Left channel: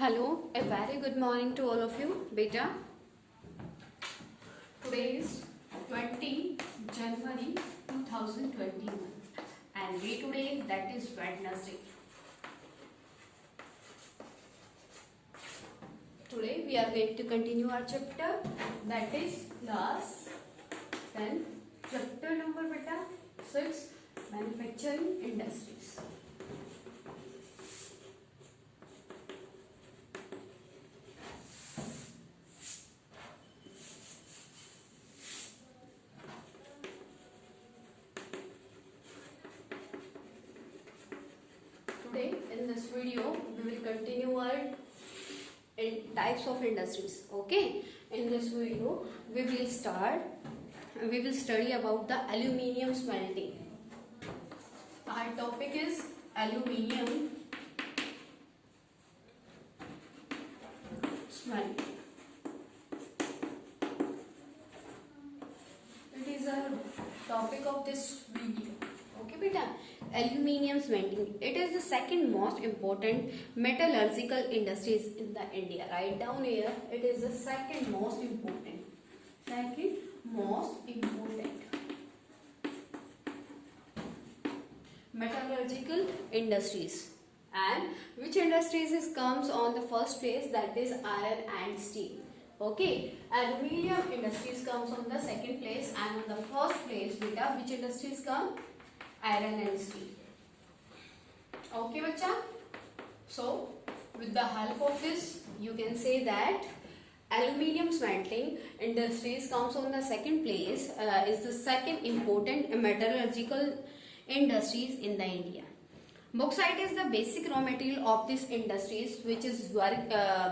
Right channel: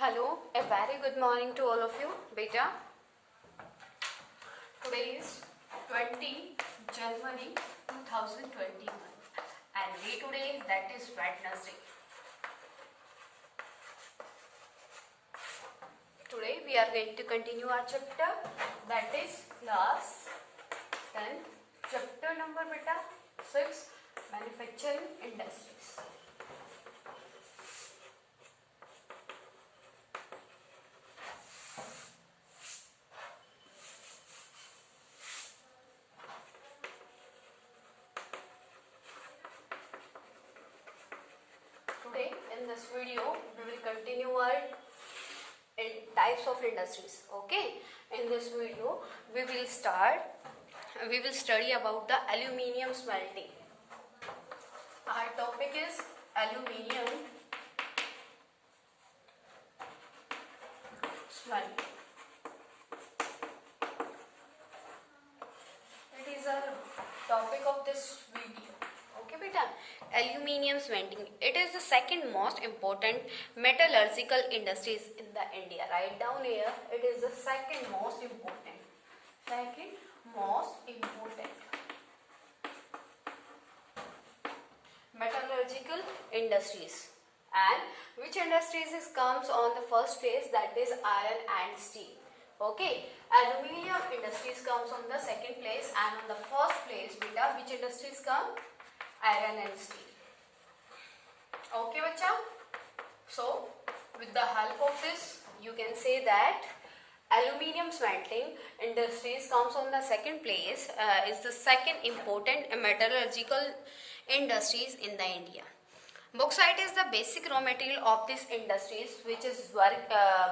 Hello, a very good morning to all of you, beta. Today is 20 January 2021 and we today that is Wednesday. Today we are going to continue our chapter that is class 10, chapter number beta 6, manufacturing industries. Today in this video we will continue our types of industries. Okay, in this video we will study about the aluminium smelting. Our topic is aluminium smelting. It is a topic of this video. Okay beta, aluminium smelting, it is the second most important metallurgical industries in the India. Write down here, it is the second most important metallurgical industries. And which industries comes on the first place, that is iron and steel. Okay, aluminium industries comes on the second place, and on the first place beta which industries come? Iron and steel. Okay bacha, so with the help of this you can say that aluminium smelting industries comes on the second place, is the second important metallurgical industries in the India. Bauxite is the basic raw material of these industries, which is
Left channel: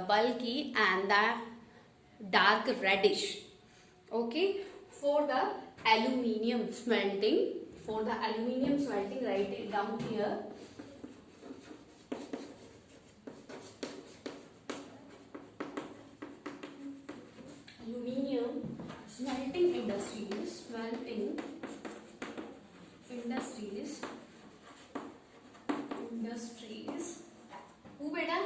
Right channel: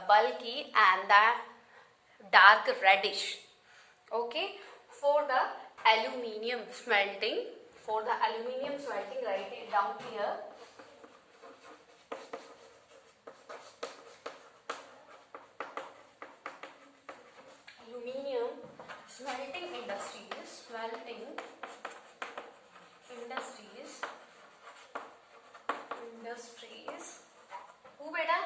bulky and the dark reddish. Okay, for the aluminium smelting, write it down here. Aluminium smelting industries. Who beta?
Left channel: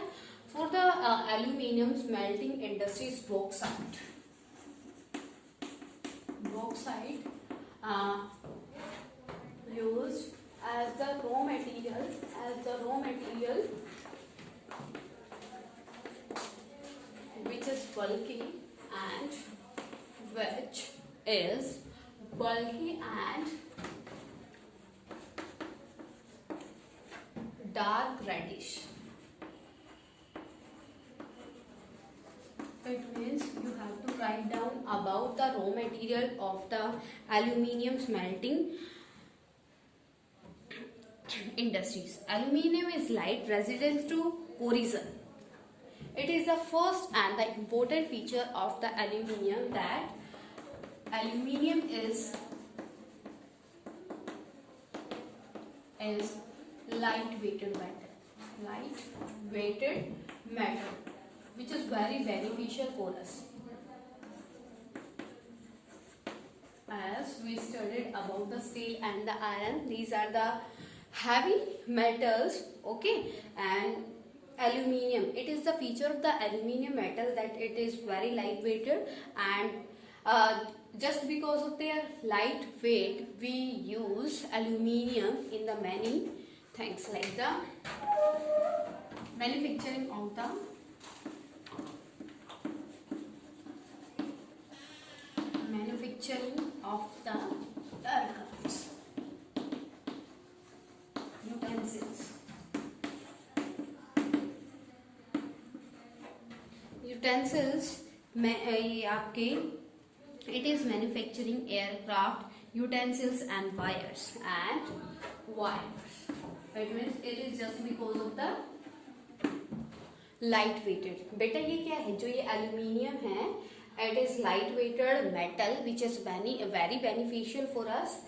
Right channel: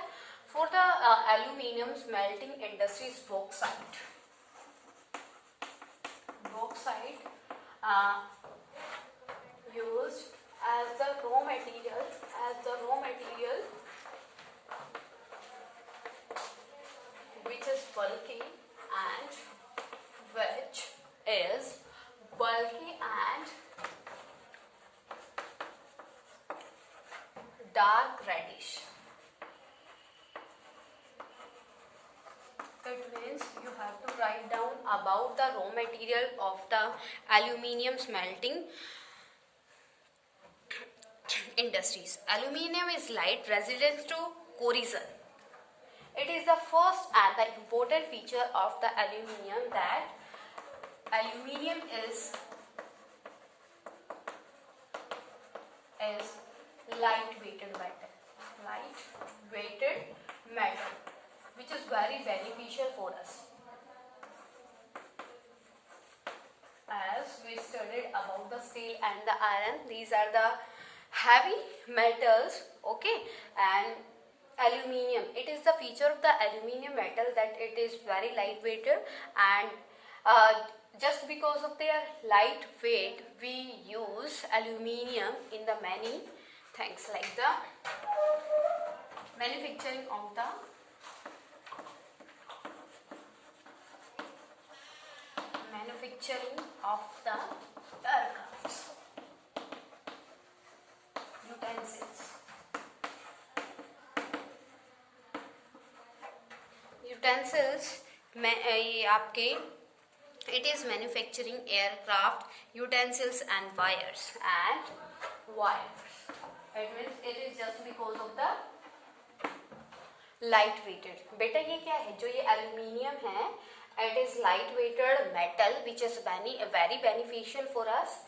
For the aluminium smelting industries, bauxite. Used as the raw material, which is bulky and dark reddish. It means you have to write down about the raw material of the aluminium smelting industries. Aluminium is light, resistant to corrosion. It is the first and the important feature of the aluminium, that aluminium is light-weighted metal, which is very beneficial for us. As we studied about the steel and the iron, these are the heavy metals. Okay, and aluminium, it is the feature of the aluminium metal that it is very lightweighted, and just because of their light weight we use aluminium in the many things, like the manufacturing of the aircrafts, utensils ये आपके, it is manufacturing aircraft utensils and wires. It means it is just because of the light weighted. बेटा ये क्या है, जो ये aluminium है, it is light weighted metal which is very beneficial for us.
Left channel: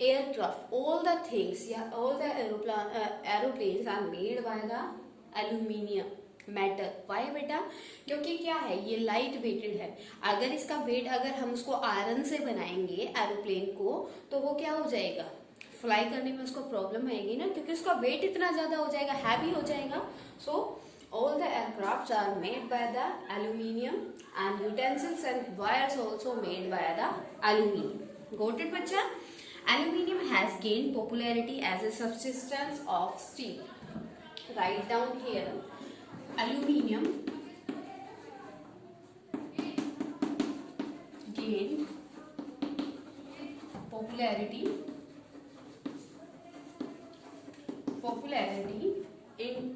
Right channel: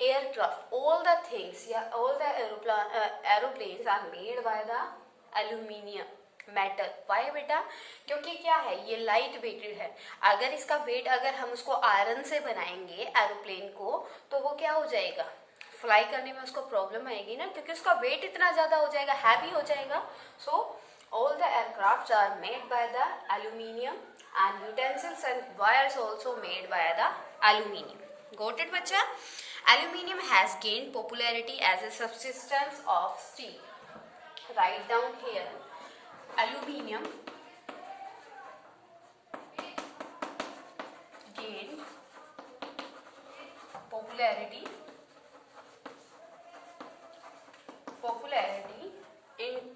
Aircraft, all the things, all the aeroplanes are made by the aluminium metal. Why बेटा? क्योंकि क्या है, ये लाइट वेटेड है. अगर इसका वेट अगर हम उसको आयरन से बनाएंगे एरोप्लेन को, तो वो क्या हो जाएगा, फ्लाई करने में उसको प्रॉब्लम आएगी ना, क्योंकि उसका वेट इतना ज्यादा हो जाएगा, हैवी हो जाएगा. सो All the aircrafts are made by the aluminium and utensils and wires also made by the aluminium. Got it, bacha? Aluminium has gained popularity as a substitute of steel. Write down here. Aluminium gained popularity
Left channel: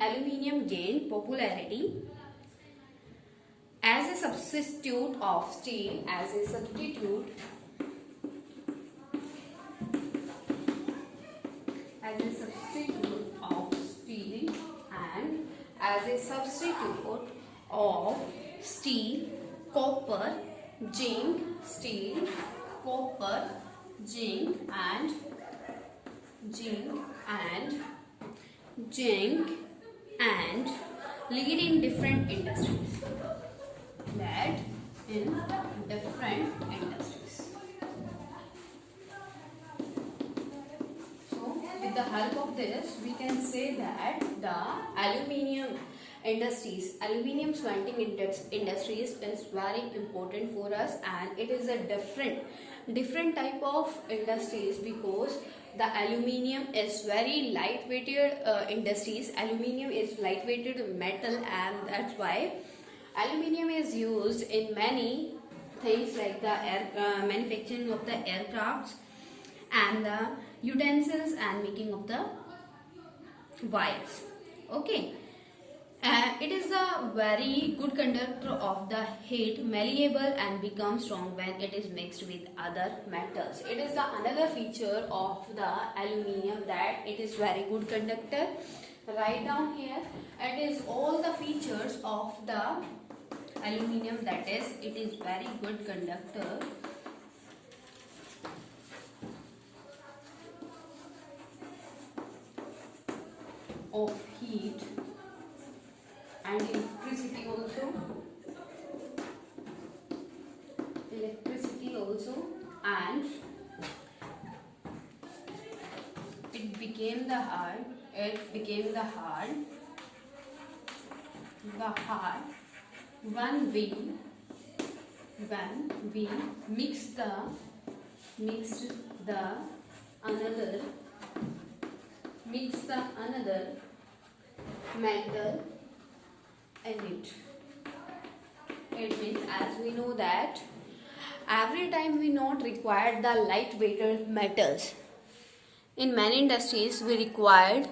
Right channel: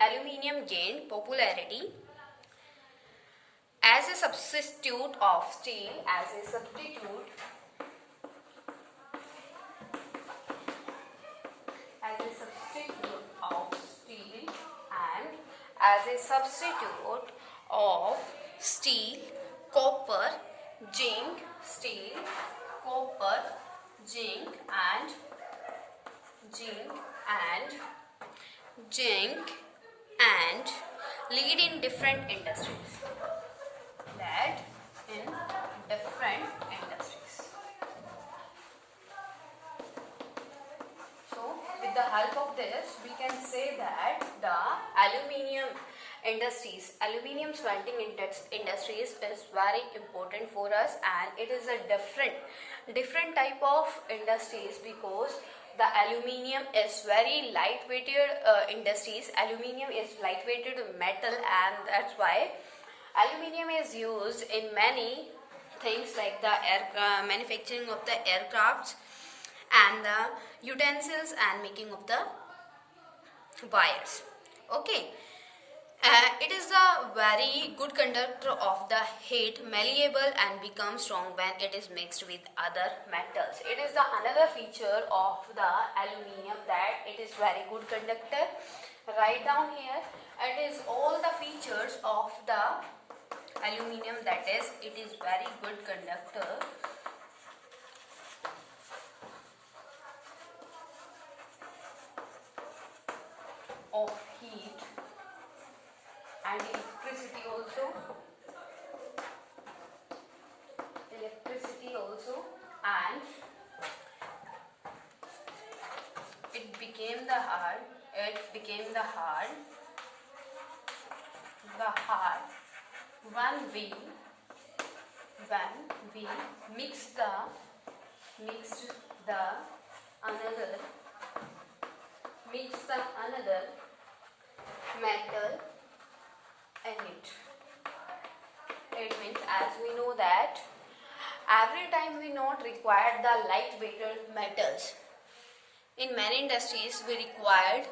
aluminium gained popularity as a substitute of steel, and as a substitute of steel, copper, zinc, and lead in different industries. So, with the help of this, we can say that the aluminium smelting industries is very important for us, and it is a different type of industries because the aluminium is very lightweighted industries. Aluminium is lightweighted metal, and that's why aluminium is used in many things like the manufacturing of the aircrafts and the utensils and making of the wires. Okay. It is a very good conductor of the heat, malleable and becomes strong when it is mixed with other metals. It is another feature of the aluminium that it is very good conductor. Write down here. It is all the features of the aluminium, that is, it is very good conductor of heat and electricity also, and it became the hard when we mixed the another metal in it. It means, as we know that every time we not require the lightweighted metals. In many industries we required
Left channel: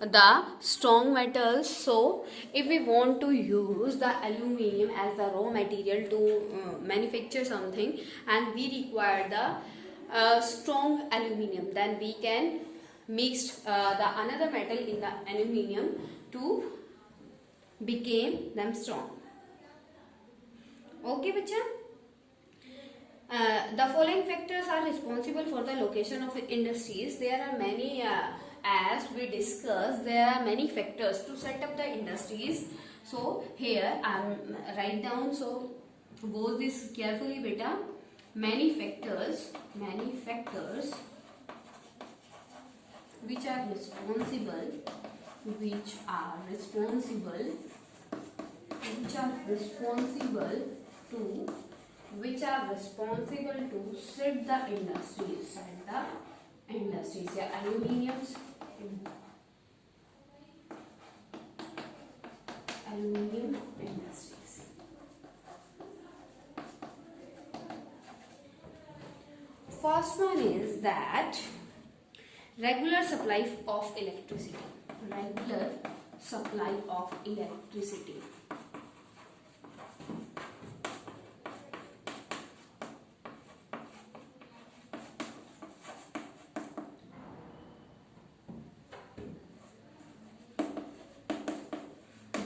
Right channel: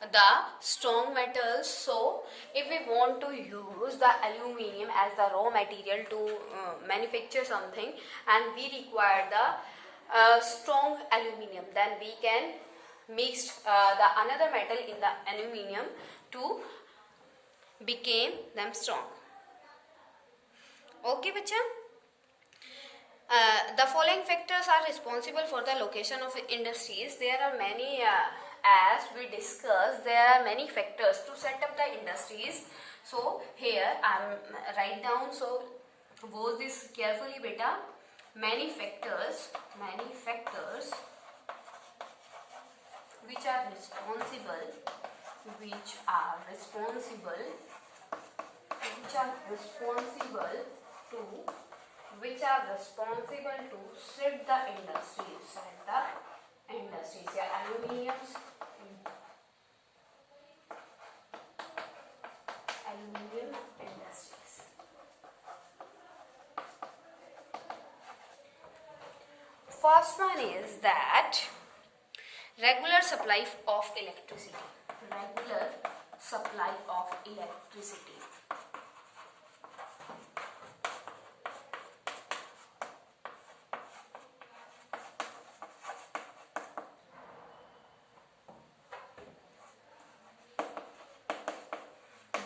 the strong metals, so if we want to use the aluminium as the raw material to manufacture something and we require the strong aluminium, then we can mix the another metal in the aluminium to become them strong. Okay, bacha? The following factors are responsible for the location of industries. There are many, as we discussed, there are many factors to set up the industries. So here I am write down. So watch this carefully, beta. Many factors which are responsible to set the industries. Yeah, aluminium industries. First one is that regular supply of electricity.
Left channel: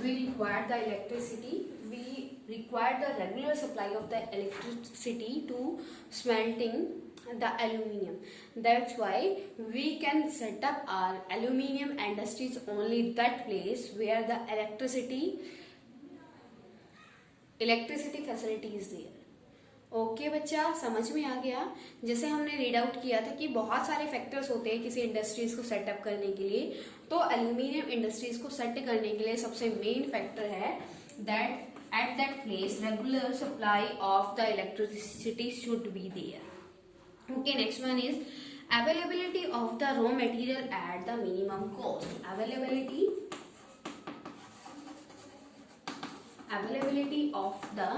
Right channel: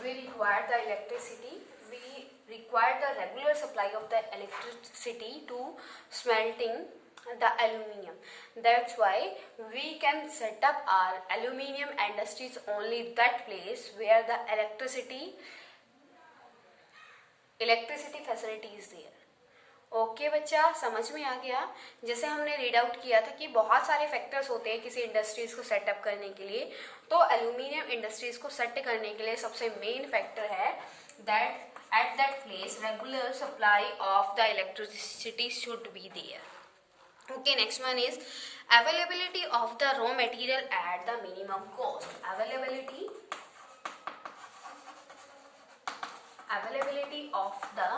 We require the electricity. We require the regular supply of the electricity to smelting the aluminium. That's why we can set up our aluminium industries only that place where the electricity facility is there. Okay बच्चा, समझ में आ गया। जैसे हमने read out किया था कि बहुत सारे फैक्टर्स होते हैं किसी इंडस्ट्रीज को सेटअप करने के लिए, तो एल्यूमिनियम इंडस्ट्रीज को सेट करने के लिए सबसे मेन फैक्टर है that at that place regular supply of the electricity should be there. Okay, next one is availability of the raw material at the minimum cost. Availability of the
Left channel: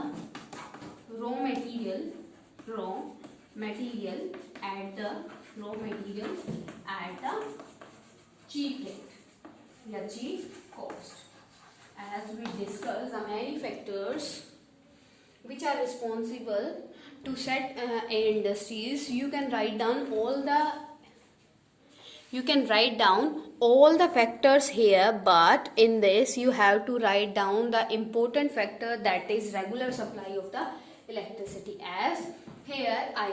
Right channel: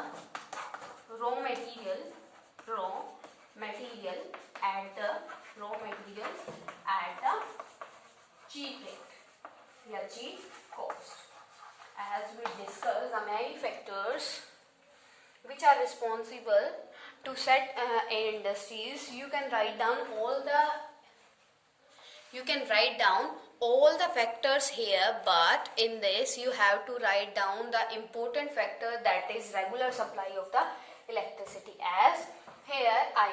raw material at the cheap rate या cheap cost. As we discussed, the many factors which are responsible to set industries. You can write down all the factors here, but in this you have to write down the important factor, that is regular supply of the electricity. As here I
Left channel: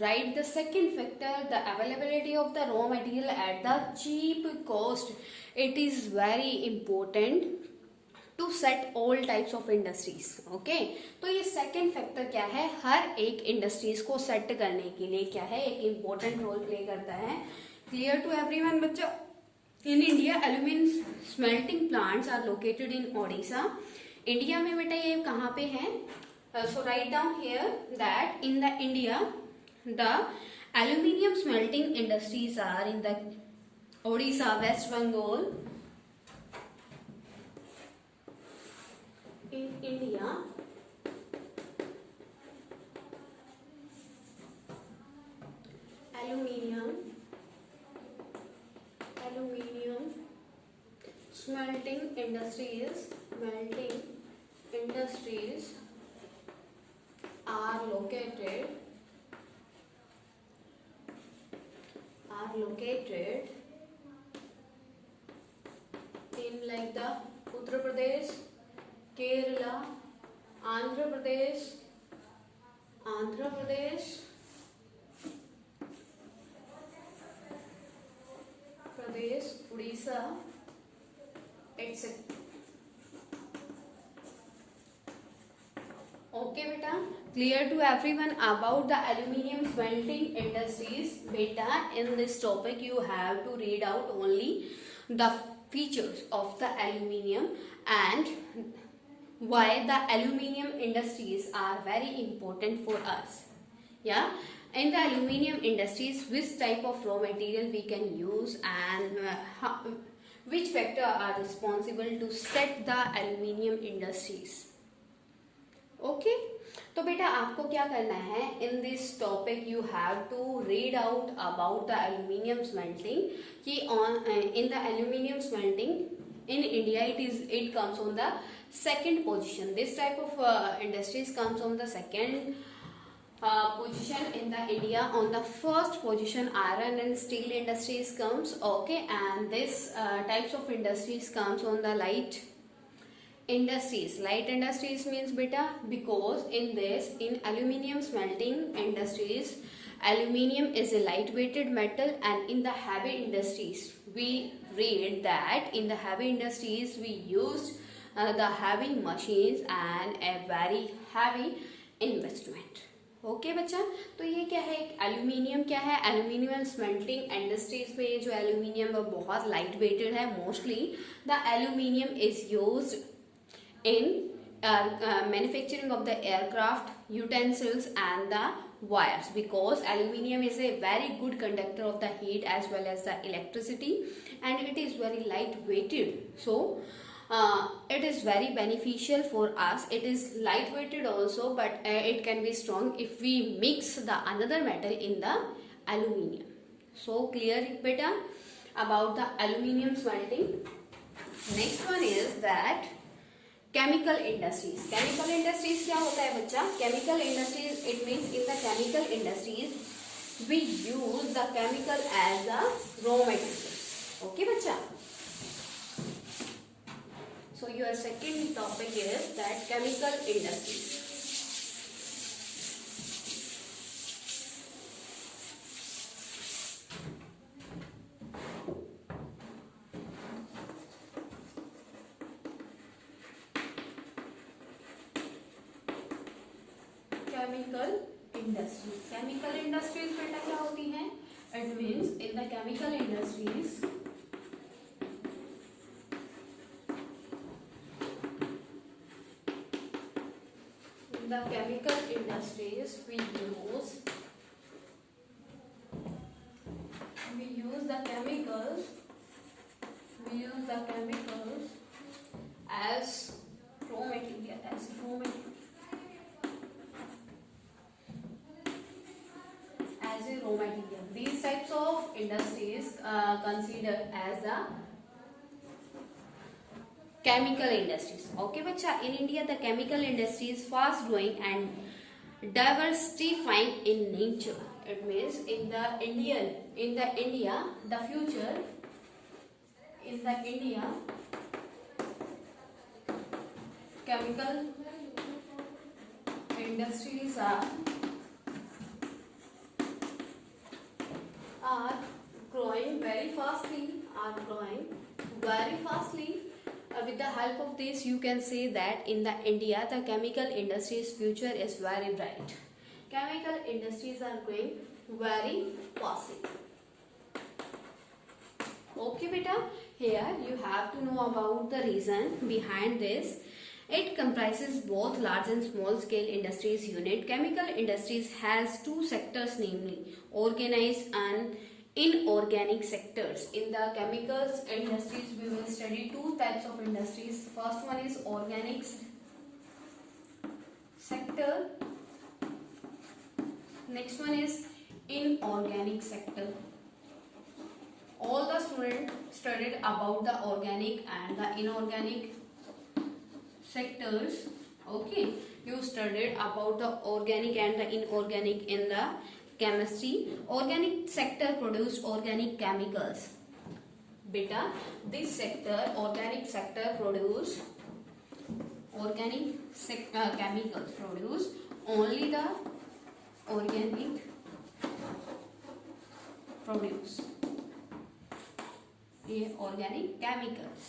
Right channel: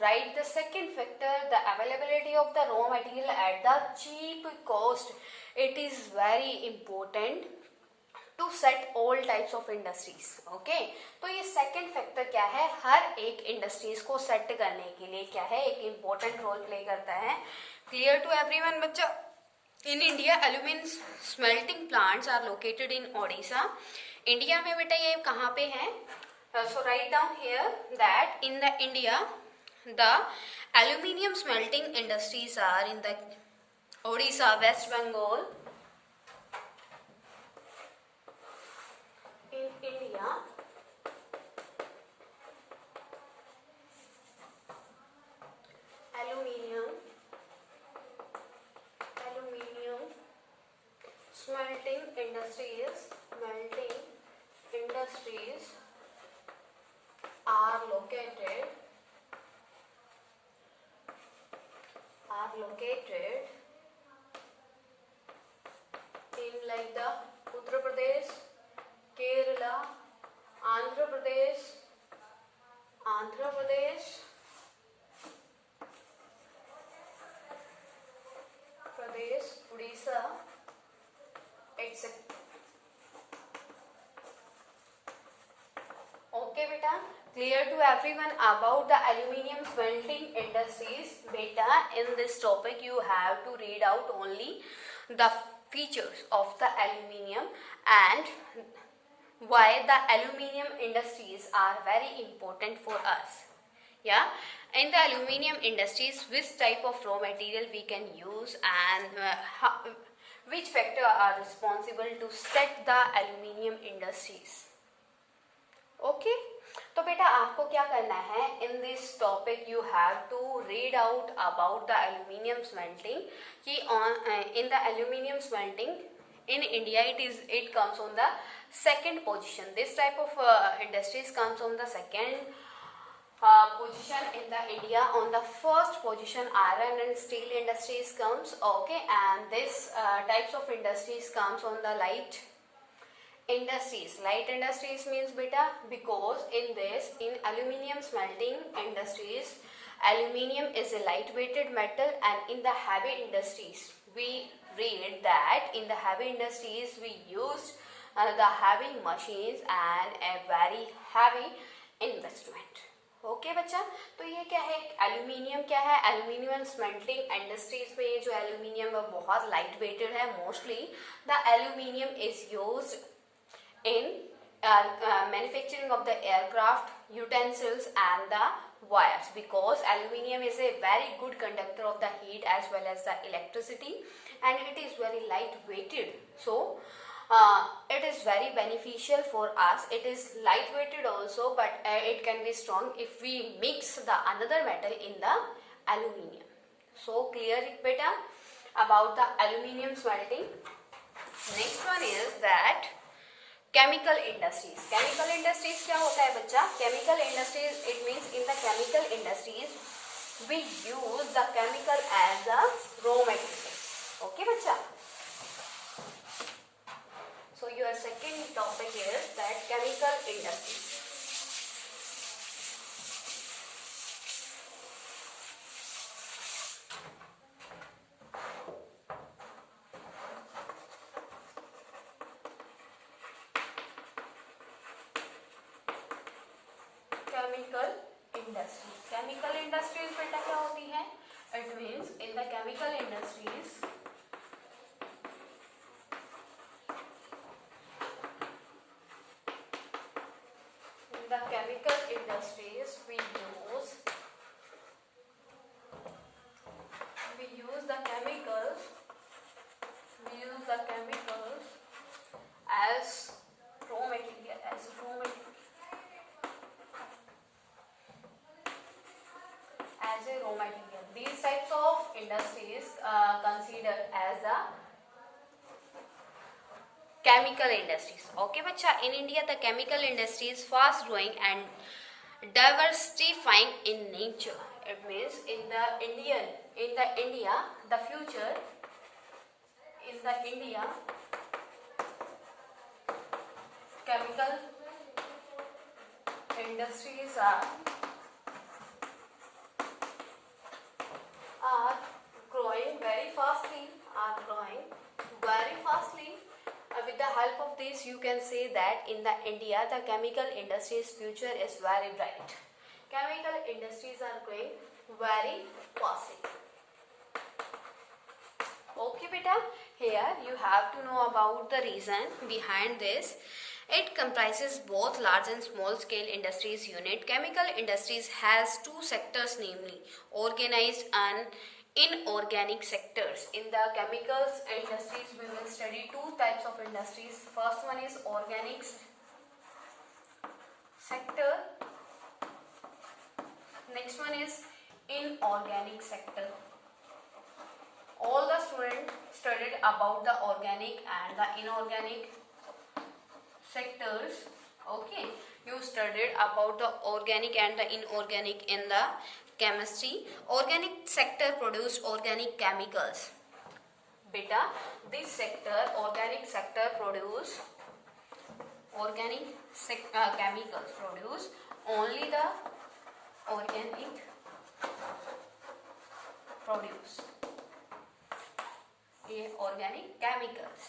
write the second factor, the availability of the raw material at the cheap cost. It is very important to set all types of industries. Okay, तो ये second factor क्या है, हर एक industries को set करने के लिए क्या है, एक इम्पोर्टेंट रोल प्ले करता है। क्लियर टू एवरीवन बच्चा? In India aluminium smelting plants are located in Odisha. India में बेटा ये कहाँ पे है? So write down here that in the India the aluminium smelting industries are in the Odisha, West Bengal. In India, aluminium smelting industries are located in like the Uttar Pradesh, Kerala, Andhra Pradesh, Odisha, etc. Okay beta, clear to everyone about the aluminium smelting industries? Beta, in this topic you have to read out only the features of the aluminium and why the aluminium industries are very important for us. Yeah, in the aluminium industries, which type of raw material we can use and which factor are responsible to set the aluminium industries. Okay, तो बेटा आपको क्या करना है, in this topic you have to read out about the aluminium smelting, कि on in the aluminium smelting in India it comes on the second position. This type of industries comes on the second position in the India. On the first position iron and steel industries comes. Okay, and this types of industries comes on the light industries. Light industries means beta, because in aluminium smelting industries, aluminium is a lightweighted metal, and in the heavy industries we read that in the heavy industries we use the heavy machines and a very heavy investment. Okay बच्चा, तो ये क्या है, aluminium क्या है, aluminium smelting industries में ये जो एल्यूमिनियम है बहुत लाइट वेटेड है। Mostly the aluminium is used in manufacturing of the aircraft utensils and the wires, because aluminium is a very good conductor of the heat as well as the electricity, and it is very light weighted, so it is very beneficial for us. It is light weighted also, but it can be strong if we mix the another metal in the aluminium. So clear it beta about the aluminium smelting. Next one is that chemical industries. Chemical industries क्या होता है बच्चा? Chemical industries it means in the chemical industries we use the chemical as a raw material. Okay बच्चा, so your second topic is that chemical industries. chemical industries. Chemical industries बेटा क्या होती हैं? It means in the chemical industries we use the chemicals as raw material, as a raw material. These types of industries considered as the chemical industries. Okay बच्चा, in India the chemical industry is fast growing and diversifying in nature. It means in the India the future chemical industries are growing very fastly. With the help of this, you can say that in the India, the chemical industry's future is very bright. Chemical industries are growing very fastly. Okay, beta. Here you have to know about the reason behind this. It comprises both large and small scale industries unit. Chemical industries has two sectors, namely organized and inorganic sectors. In the chemicals industries, we will study two types of industries. First one is organic sector. Next one is inorganic sector. All the students studied about the organic and the inorganic sectors. Okay, you studied about the organic and the inorganic in the chemistry. Organic sector produce organic chemicals. Beta, this sector, organic sector produce chemicals. Produce only the organic produce. ये organic chemicals.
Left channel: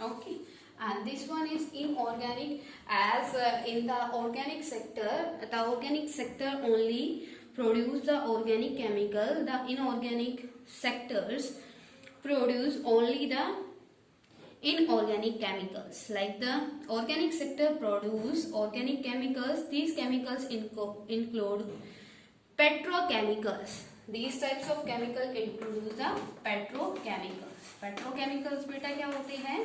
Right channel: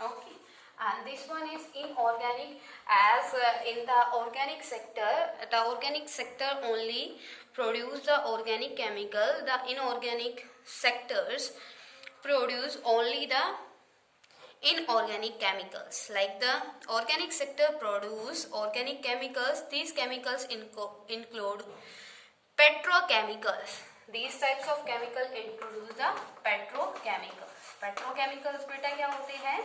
Okay, and this one is inorganic. As in the organic sector only produce the organic chemical. The inorganic sectors produce only the inorganic chemicals. Like the organic sector produce organic chemicals. These chemicals include petrochemicals. These types of chemical introduce the petrochemicals. Petrochemicals बेटा क्या होते हैं?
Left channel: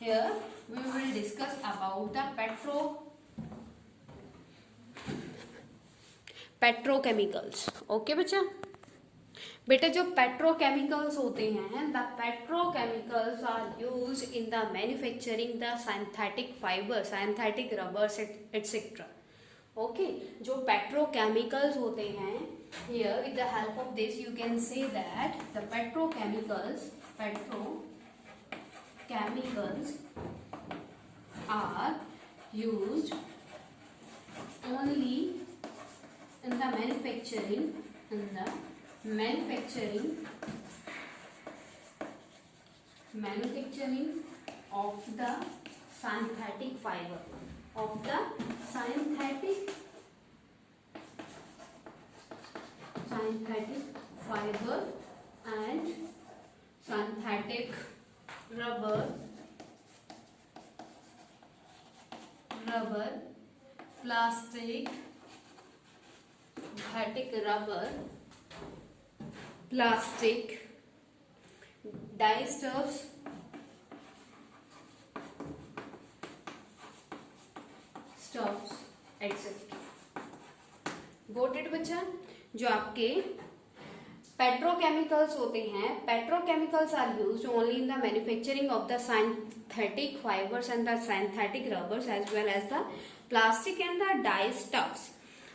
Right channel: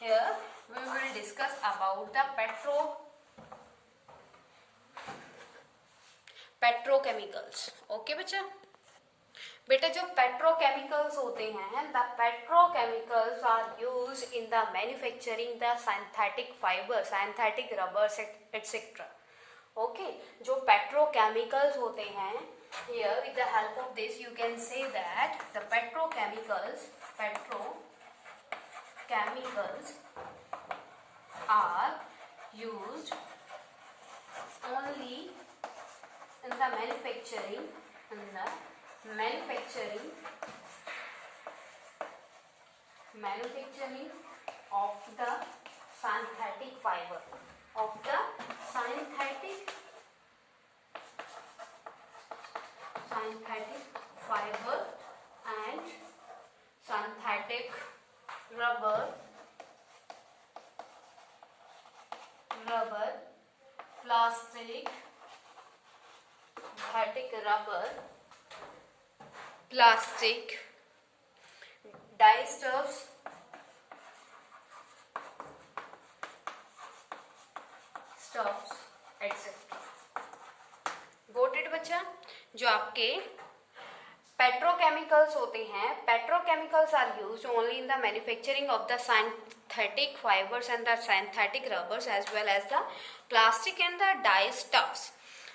Here we will discuss about the petrochemicals. Okay बच्चा? बेटा जो petrochemicals होते हैं, the petrochemicals are used in the manufacturing the synthetic fibers, synthetic rubbers, etc. Okay, जो petrochemicals होते हैं, here with the help of this you can say that the petrochemicals are used only in the manufacturing of the synthetic fiber, synthetic fiber and synthetic rubber, plastic, synthetic rubber, plastic, dyestuffs, etc. Got it बच्चा? जो आपके petrochemicals होते हैं, petrochemicals are used only in the manufacturing of the synthetic fibers and the synthetic rubbers as well as the plastic and the dyestuffs.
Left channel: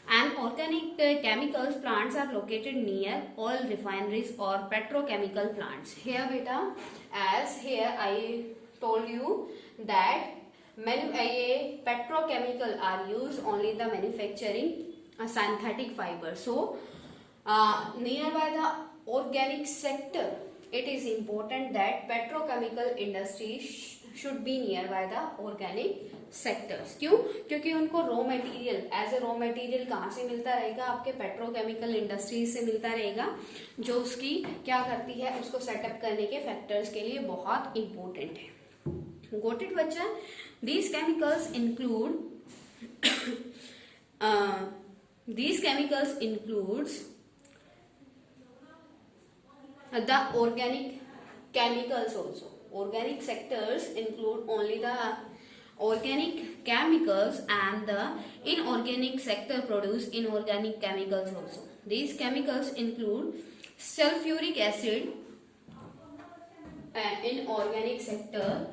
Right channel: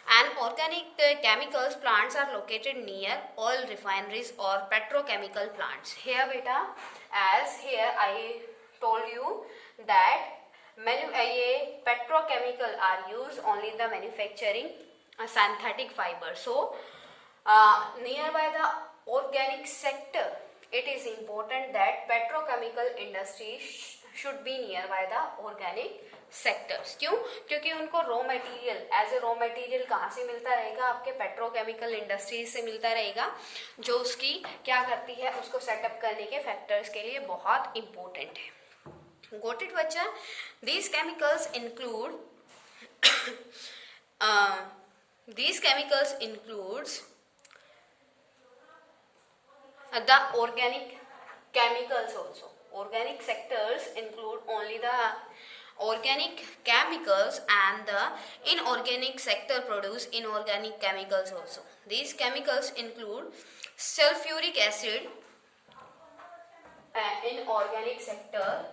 And organic chemicals plants are located near oil refineries or petrochemical plants. Here beta, as here I told you that petrochemical are used only in the manufacturing synthetic fiber. So nearby the organic sector, it is important that petrochemical industry should be near by the organic sectors. क्यों? क्योंकि उनको raw material, as a raw material कहाँ से मिलता रहेगा? आपके petrochemical industries से मिलता रहेगा, जो उसकी क्या करती है, उसको सेटअप करने के फैक्टर्स के लिए बहुत इंपॉर्टेंट है. Got it, बच्चा? These chemicals include these chemicals includes the organic chemicals also. Organic sectors include only the organic chemicals, and the inorganic sector produce inorganic chemicals also. These chemicals include sulfuric acid, inorganic sector,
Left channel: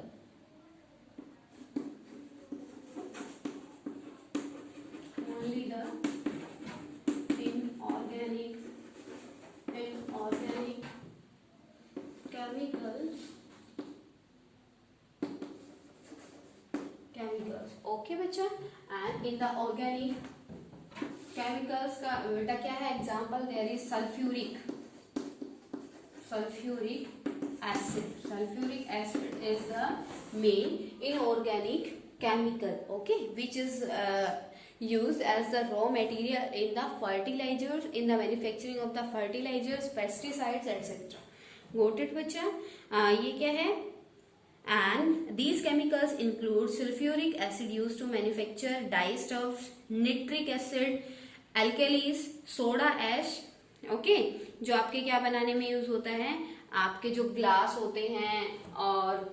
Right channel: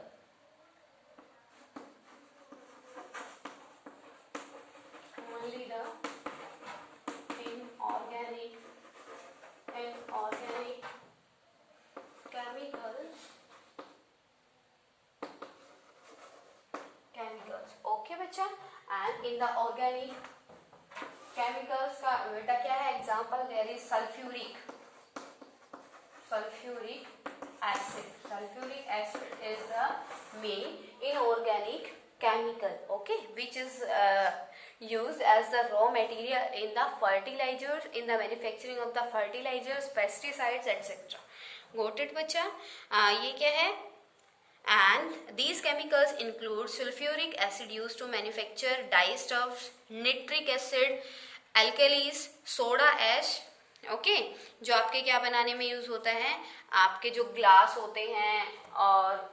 only the inorganic chemicals. Okay बच्चा. And in the organic chemicals का बेटा क्या है example? There is sulfuric acid. Sulfuric acid is the main inorganic chemical, okay, which is used as the raw material in the fertilizers, in the manufacturing of the fertilizers, pesticides, etc. Got it बच्चा? ये क्या है? And these chemicals include sulfuric acid used to manufacture dyestuffs, nitric acid, alkalis, soda ash, okay, जो आपके क्या बनाने में use होता है? आपके जो ग्लास होते हैं और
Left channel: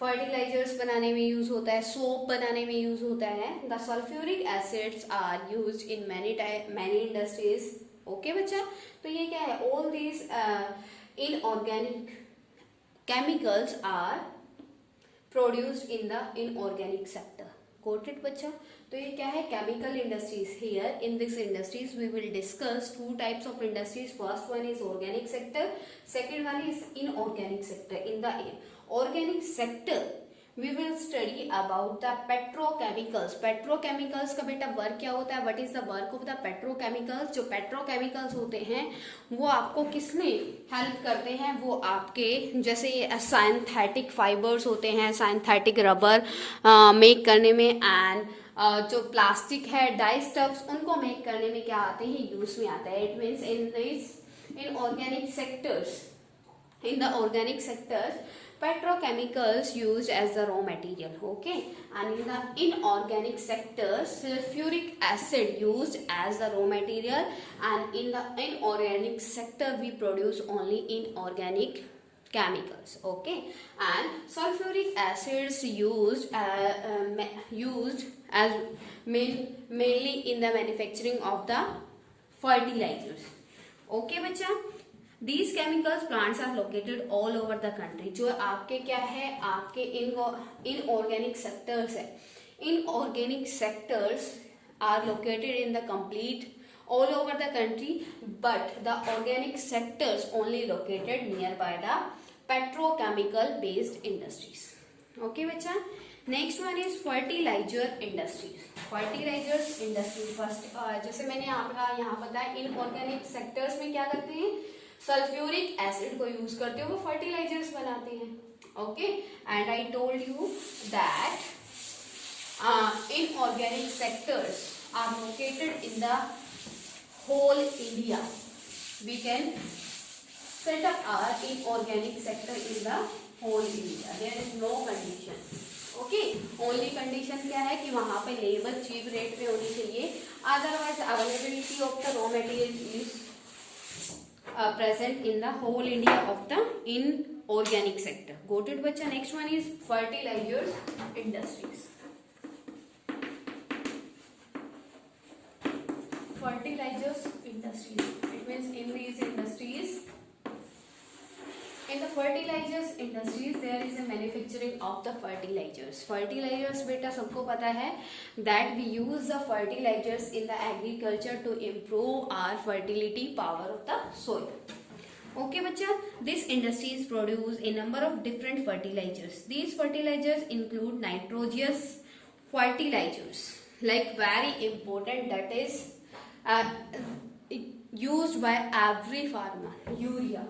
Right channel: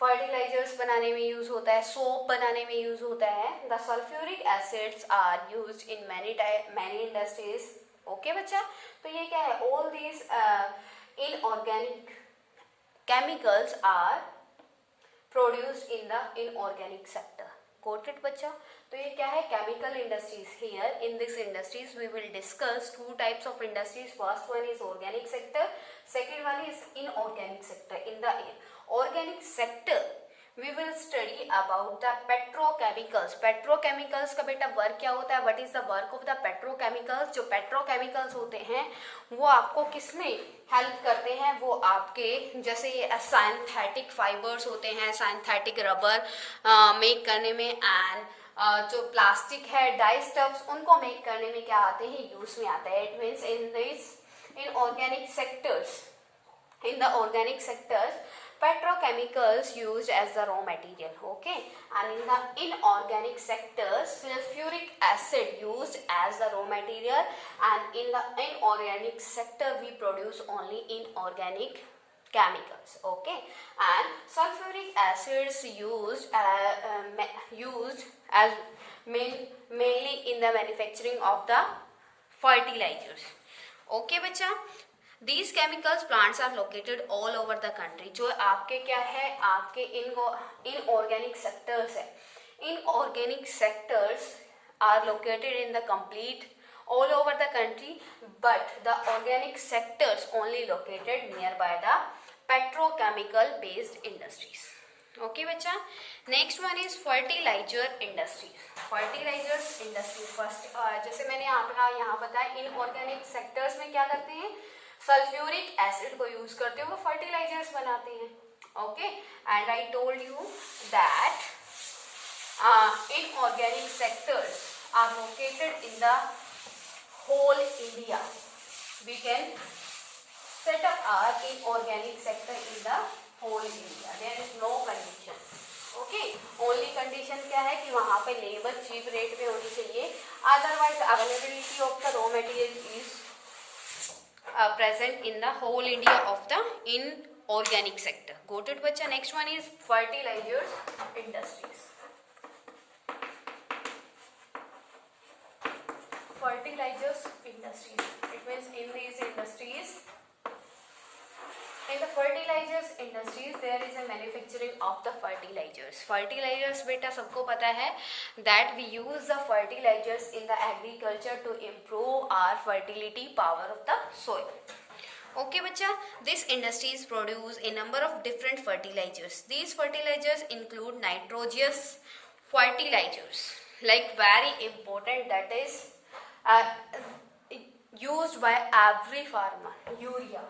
फर्टिलाइजर्स बनाने में यूज होता है, सोप बनाने में यूज होता है. The sulphuric acids are used in many industries. Okay बच्चा. तो ये क्या है? All these inorganic chemicals are produced in the inorganic sector. Got it बच्चा? तो ये क्या है? Chemical industries. Here in this industries we will discuss two types of industries. First one is organic sector, second one is inorganic sector. In the organic sector we will study about the petrochemicals. Petrochemicals का बेटा work क्या होता है? What is the work of the petrochemicals? जो petrochemicals होते हैं वो आपको किसमें हेल्प करते हैं? वो आपके जैसे सिंथेटिक फाइबर्स होते हैं, सिंथेटिक रबर मेक करने में, एंड जो प्लास्टिक है, डाई स्टफ्स, उनको मेक करने में क्या आते हैं? यूज में आता है. It means in organic sectors, in the organic sectors, petrochemicals used as the raw material, okay, and in the inorganic sectors, sulfuric acid used as the raw material, and in the inorganic sector we produce only inorganic chemicals, okay, and sulfuric acids used as mainly in the manufacturing of the fertilizers. Okay बच्चा. These chemicals plants are located all over the country. जो आपके क्या है? आपके inorganic sectors है. Inorganic sectors are located in the complete all over the country, but the organic sectors only located nearby the petrochemical based industries. Okay बच्चा. Next one is fertilizer industries. Fertilizers industry first. जैसे मैंने यहाँ बताया, inorganic sectors में क्या करते हैं? Sulphuric acid को यूज करते हुए फर्टिलाइजर्स बनाते हैं. Okay, and I told you that inorganic sectors are located in the whole India. We can set up our inorganic sector in the whole India. There is no condition. Okay, only condition क्या है? कि वहां पे labour cheap rate पे होनी चाहिए. Otherwise availability of the raw material is present in the whole India of the inorganic sector. Got it बच्चा? Next one is fertilizers industries. Fertilizers industries. It means in these industries, in the fertilizers industries there is a manufacturing of the fertilizers. Fertilizers बेटा सबको पता है that we use the fertilizers in the agriculture to improve our fertility power of the soil. Okay बच्चा. These industries produce a number of different fertilizers. These fertilizers include nitrogenous fertilizers, like very important, that is used by every farmer. Urea,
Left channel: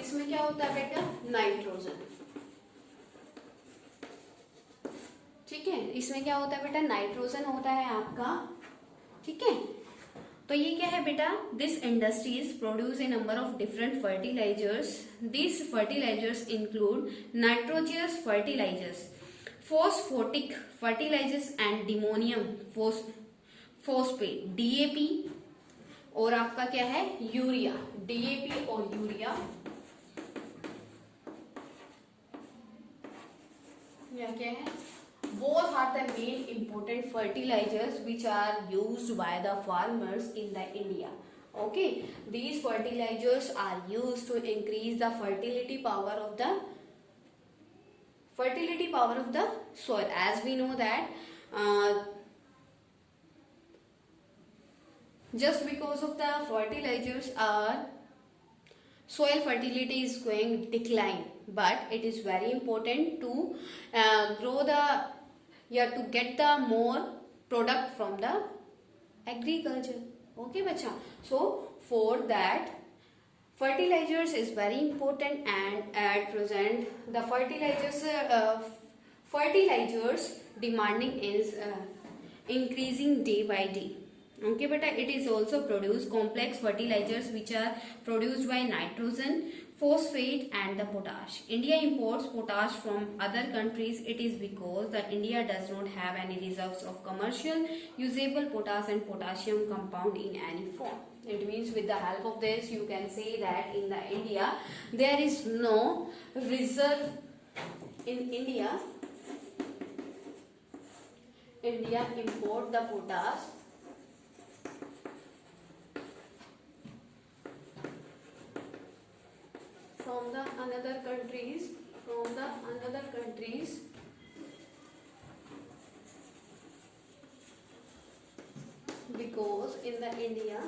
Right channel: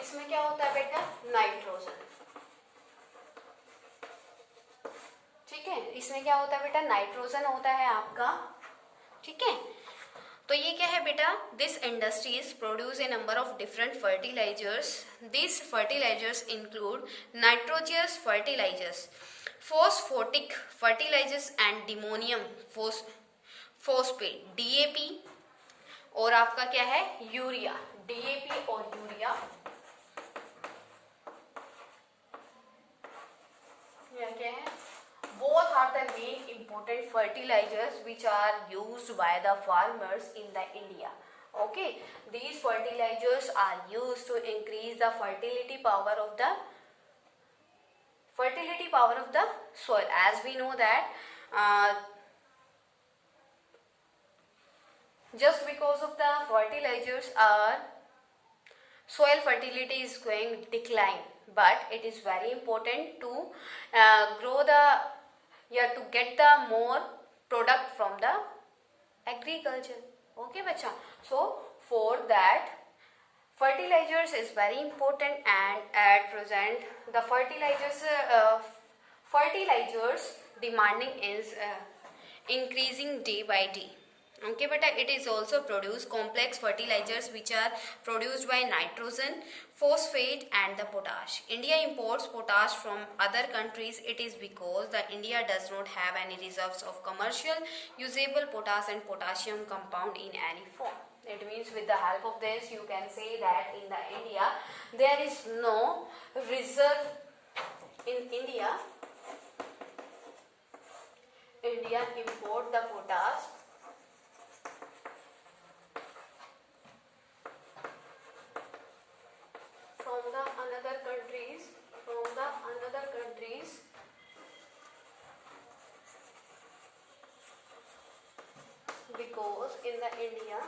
इसमें क्या होता है बेटा? Nitrogen. ठीक है, इसमें क्या होता है बेटा, नाइट्रोजन होता है आपका, ठीक है। तो ये क्या है बेटा, this industries produce a number of different fertilisers, this fertilisers include nitrogenous fertilisers, phosphatic fertilisers and diammonium phosphate, DAP, और आपका क्या है, यूरिया, डीएपी और यूरिया, या क्या है, both are the main important fertilizers which are used by the farmers in the India. Okay, these fertilizers are used to increase the fertility power of the soil. As we know that just because of the fertilizers, soil fertility is going decline, but it is very important to grow the, to get the more product from the agriculture. Okay bacha, so for that fertilizers is very important, and at present the fertilizers demanding is increasing day by day. Okay beta, it is also produce complex fertilizers which are produced by nitrogen, phosphate and the potash. India imports potash from other countries. It is because that India does not have any reserves of commercial usable potash and potassium compound in any form. It means with the help of this you can say that in the India there is no reserve in India. India import the potash from the another countries, because in the India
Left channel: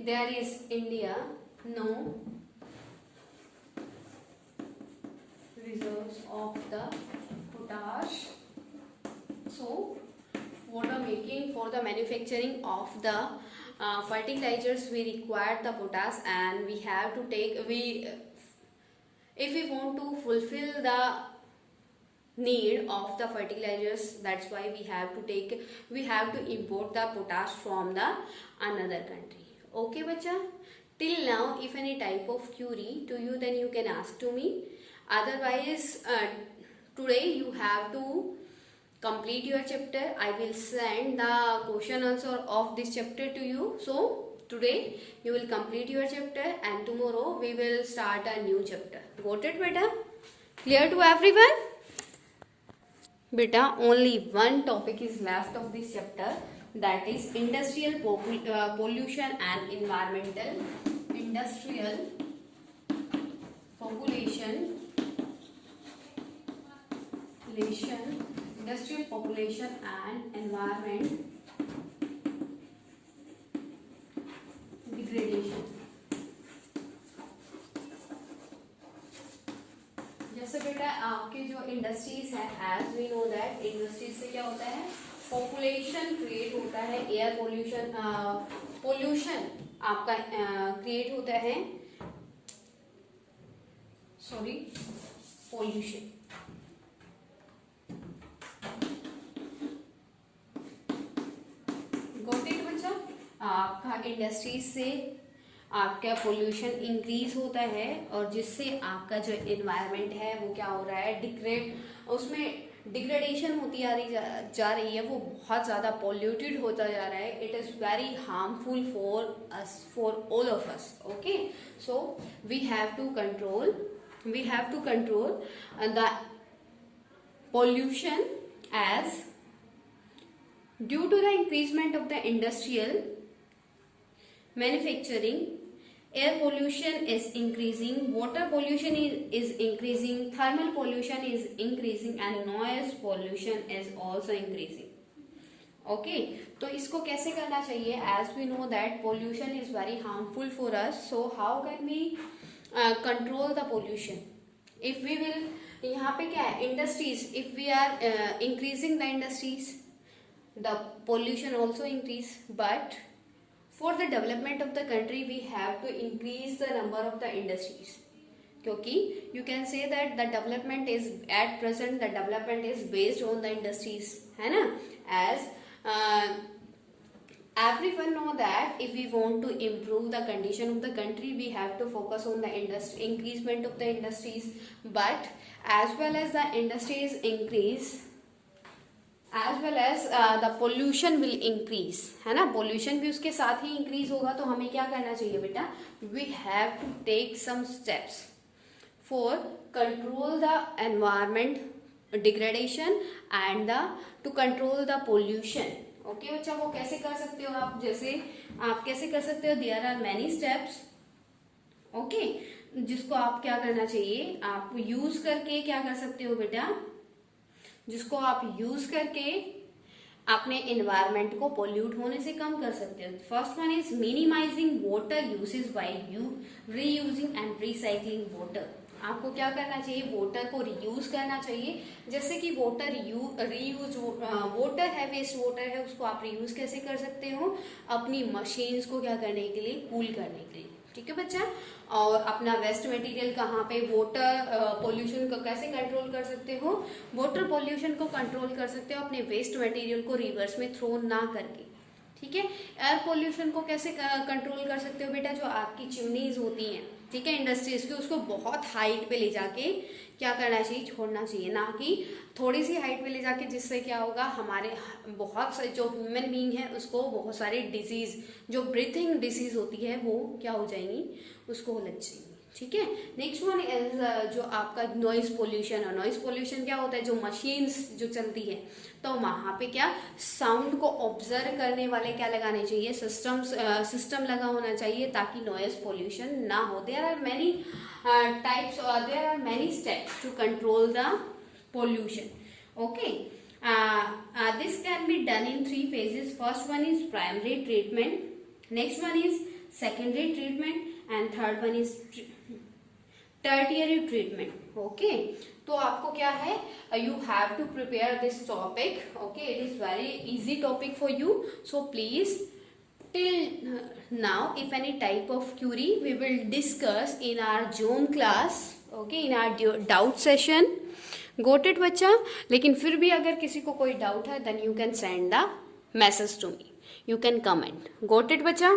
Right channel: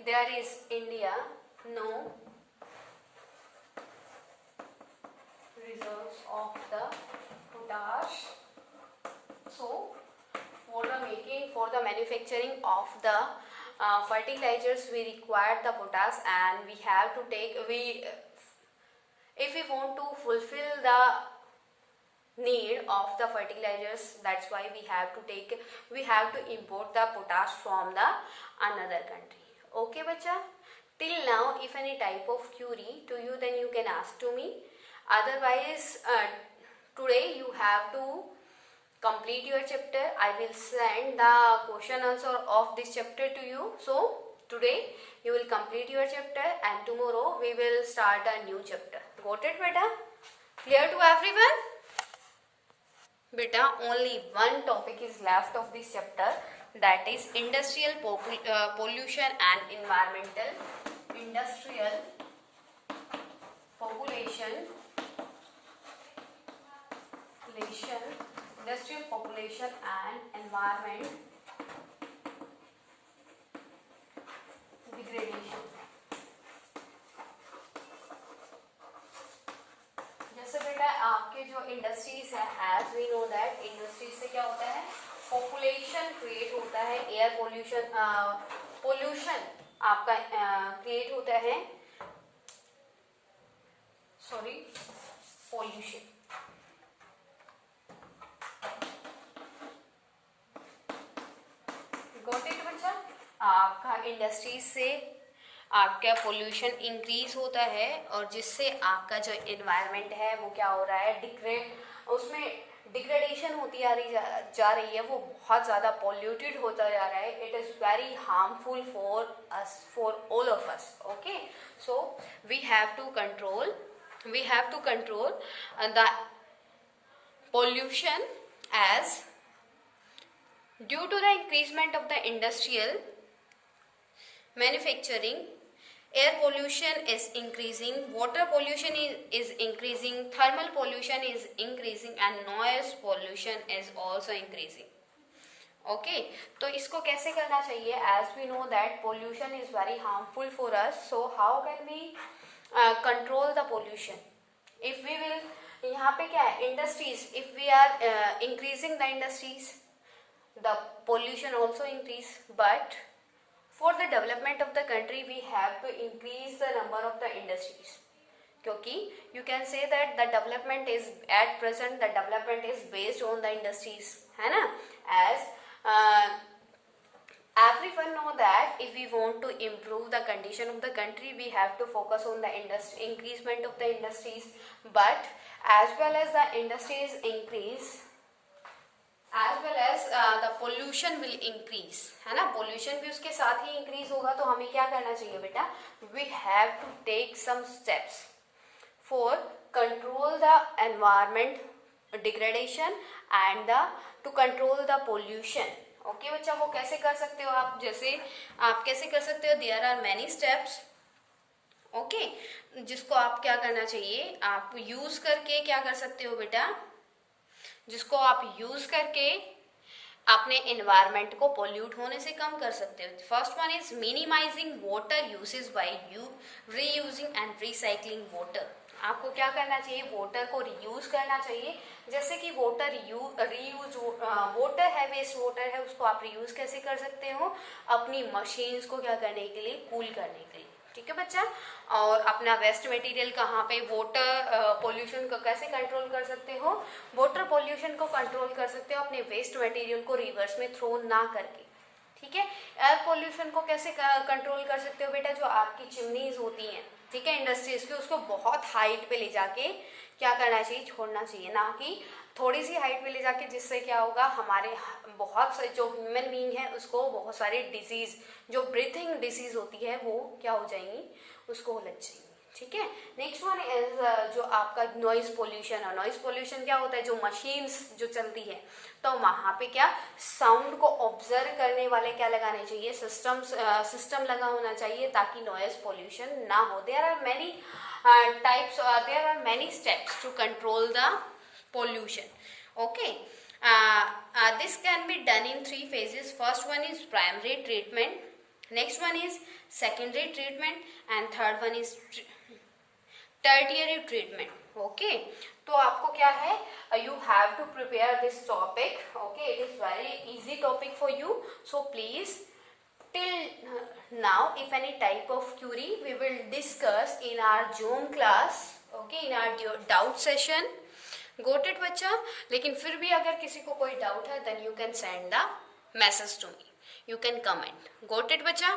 there is no reserves of the potash. So for the manufacturing of the fertilizers we require the potash, and we have to take, if we want to fulfill the need of the fertilizers, that's why we have to import the potash from the another country. Okay bacha, till now if any type of query to you, then you can ask to me. Otherwise today you have to complete your chapter. I will send the question answer of this chapter to you. So today you will complete your chapter, and tomorrow we will start a new chapter. Got it beta? Clear to everyone? Beta, only one topic is left of this chapter, that is industrial pollution and environmental. Industrial population and environment degradation. जैसे बेटा आपके जो industries है, as we know that industries से क्या होता है, population create होता है, एयर पोल्यूशन आपका क्रिएट होता है, पोल्यूशन। गॉट इट बच्चा? आपका इंडस्ट्रीज से आपका पोल्यूशन इंक्रीज होता है, और जिससे आपका जो एनवायरनमेंट है वो क्या हो रहा है, उसमें डिग्रेडेशन होती जा रही है, वो बहुत ज़्यादा पॉल्यूटेड होता जा रहा है. It is very harmful for us, for all of us. Okay, so we have to control the pollution as due to the increasement of the industrial manufacturing, air pollution is increasing, water pollution is increasing, thermal pollution is increasing and noise pollution is also increasing. Okay, तो इसको कैसे करना चाहिए? As we know that pollution is very harmful for us, so how can we control the pollution? If we will, यहाँ पे क्या है, industries, if we are increasing the industries, the pollution also increase, but for the development of the country we have to increase the number of the industries, क्योंकि you can say that the development is at present, the development is based on the industries, है ना, as everyone know that if we want to improve the condition of the country we have to focus on the increasement of the industries, but as well as the industries increase, as well as the pollution will increase, है ना, pollution भी उसके साथ ही increase होगा, तो हमें क्या करना चाहिए बेटा, we have to take some steps for control the environment degradation and to control the pollution. Okay बच्चा, वो कैसे कर सकते हो आप, जैसे आप कैसे कर सकते हो, there are many steps, okay, जिसको आप क्या करना चाहिए, आप यूज करके क्या कर सकते हो बेटा, जिसको आप यूज करके अपने एनवायरमेंट को पोल्यूट होने से कम कर सकते हो. First one is minimising water usage by reusing and recycling water. आपको क्या करना चाहिए, वाटर को रीयूज करना चाहिए. जैसे कि वाटर रीयूज, वाटर है, वेस्ट वाटर है, उसको आप रीयूज कैसे कर सकते हो, अपनी मशीन्स को क्या करने के लिए, कूल करने के लिए. ठीक है बच्चा. और अपना वेस्ट मटेरियल कहाँ पे, वाटर पोल्यूशन को कैसे कंट्रोल कर सकते हो, वाटर पोल्यूशन को कंट्रोल कर सकते हो अपने वेस्ट मटेरियल को रिवर्स में थ्रो ना करके. ठीक है. एयर पोल्यूशन को कैसे कंट्रोल कर सकते हो बेटा, जो आपकी चिमनीज होती हैं, ठीक है, इंडस्ट्रीज की, उसको बहुत हाइट पे ले जाके क्या करना चाहिए, छोड़ना चाहिए, ना कि थोड़ी सी हाइट पे ले जाके, जिससे क्या होगा, हमारे बहुत सारे जो ह्यूमन बीइंग है उसको बहुत सारे डिजीज, जो ब्रीथिंग डिजीज होती है वो क्या हो जाएंगी, उसको लग जाएंगी. ठीक है. नेक्स्ट वन इज जो आपका नॉइज पोल्यूशन है. नॉइज पोल्यूशन क्या होता है, जो मशीन्स जो चलती है, तो वहां पे क्या, साउंड को ऑब्जर्व करने वाले क्या लगाने चाहिए, सिस्टम लगा होना चाहिए, ताकि नॉइज पोल्यूशन ना हो. There are many types, there are many steps to control the pollution. Okay. This can be done in 3 phases. First one is primary treatment, next one is secondary treatment, and third one is tertiary treatment. Okay. तो आपको क्या है, you have to prepare this topic. Okay, it is very easy topic for you. So please, till now, if any type of query, we will discuss in our Zoom class. Okay, in our doubt session. Got it बच्चा. लेकिन फिर भी अगर किसी को कोई doubt है, then you can send the message to me. You can comment. Got it बच्चा.